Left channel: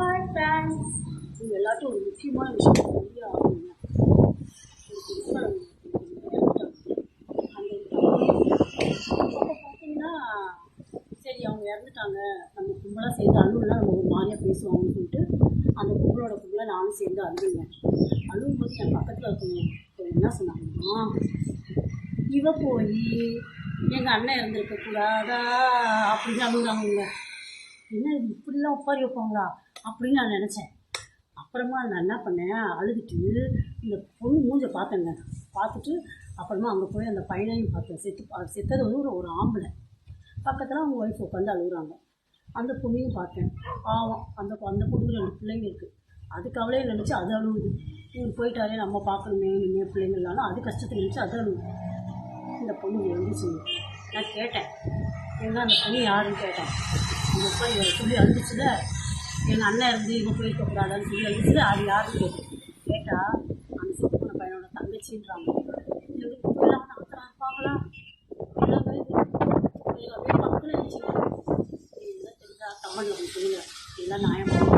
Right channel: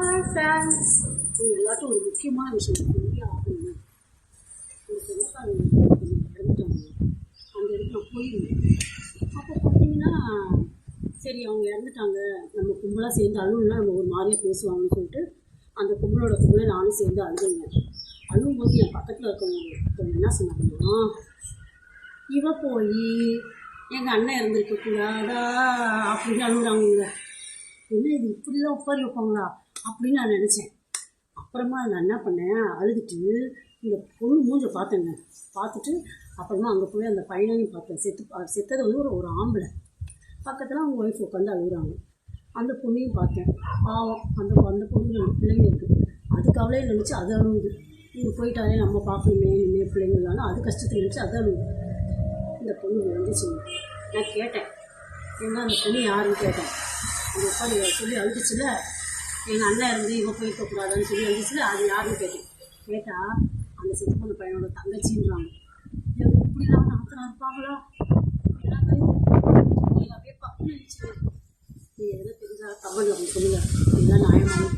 Hi friends, இது எல்லாத்தையும் ஒரு முக்கியமான விஷயம் சொல்லி ஆகணுங்க. ஒரு புதுசாக இறந்துட்டாங்க. அந்த அப்போ பார்த்தீங்கன்னா, சரி அவங்க இறந்துட்டாங்க, நம்ம கும்பலாக சேர்ந்து அழுவுனா நம்ம ஒரு மாதிரியாக பேசுவாங்கன்னு சொல்லிட்டு அந்த கும்பலை நானும் சேர்ந்து அழுதுங்க. அழுவும்போது என் பக்கத்தில் இருக்கவங்க என்ன சொன்னாங்கன்னா, இவ போய் எங்கள் அண்ணன் இறந்துருக்கக்கூடாதா அப்படின்னு அழுகுறாங்க. என்ன இது இப்படிலாம் உட்காரி வைப்பாங்களா அப்படின்னு நான் நினச்சேன். அப்புறமா நான் என்ன பண்ணேன், அழுதுட்டு இந்த பொண்ணு மூஞ்சை பார்த்தேங்க. பார்த்துட்டு அப்புறமா அங்கே போய் அந்த பையனையும் பார்த்தேன். செத்தது வந்து ஒரு ஆம்பளை. பக்கத்தில் அவங்க ஒய்ஃப் உட்காந்து அழுகுறாங்க. அந்த பொண்ணையும் பார்த்தேன். பாவம், அந்த பொண்ணு 2 பிள்ளைங்க இருக்குது. அதுக்கு அவளே நினச்சி அது அழுகுது. இவங்க போயிட்டாலே நம்ம பார்க்கணுமே இனிமேல் பிள்ளைங்களாலும் அது கஷ்டத்தை நினச்சி அது அழுகுது. இந்த பொண்ணு எழுந்துச்சு. நான் கேட்டேன், ஏன்னா அந்த பொண்ணு யாருன்னு கேட்டேன். இந்த உட்காந்து சொல்லி அழுதுச்சுல, எங்கள் அண்ணன் இருந்து இவன் போயிருக்கக்கூடாதான்னு சொல்லி அழுதுச்சுல, அது யாருன்னு கேட்டால் அந்த செத்து போன பையனோட தங்கச்சின்றாங்க. எங்களுக்கு இப்படிலாம் நாத்தனா இருப்பாங்களா? எல்லாம் பயந்து அப்படியே பக்கத்தில் நினச்சிருக்கேன். நீ எதாவது தெரிஞ்சா கமெண்ட் அப்படின்னு சொல்லுங்கள். இதெல்லாம் நியாயமாக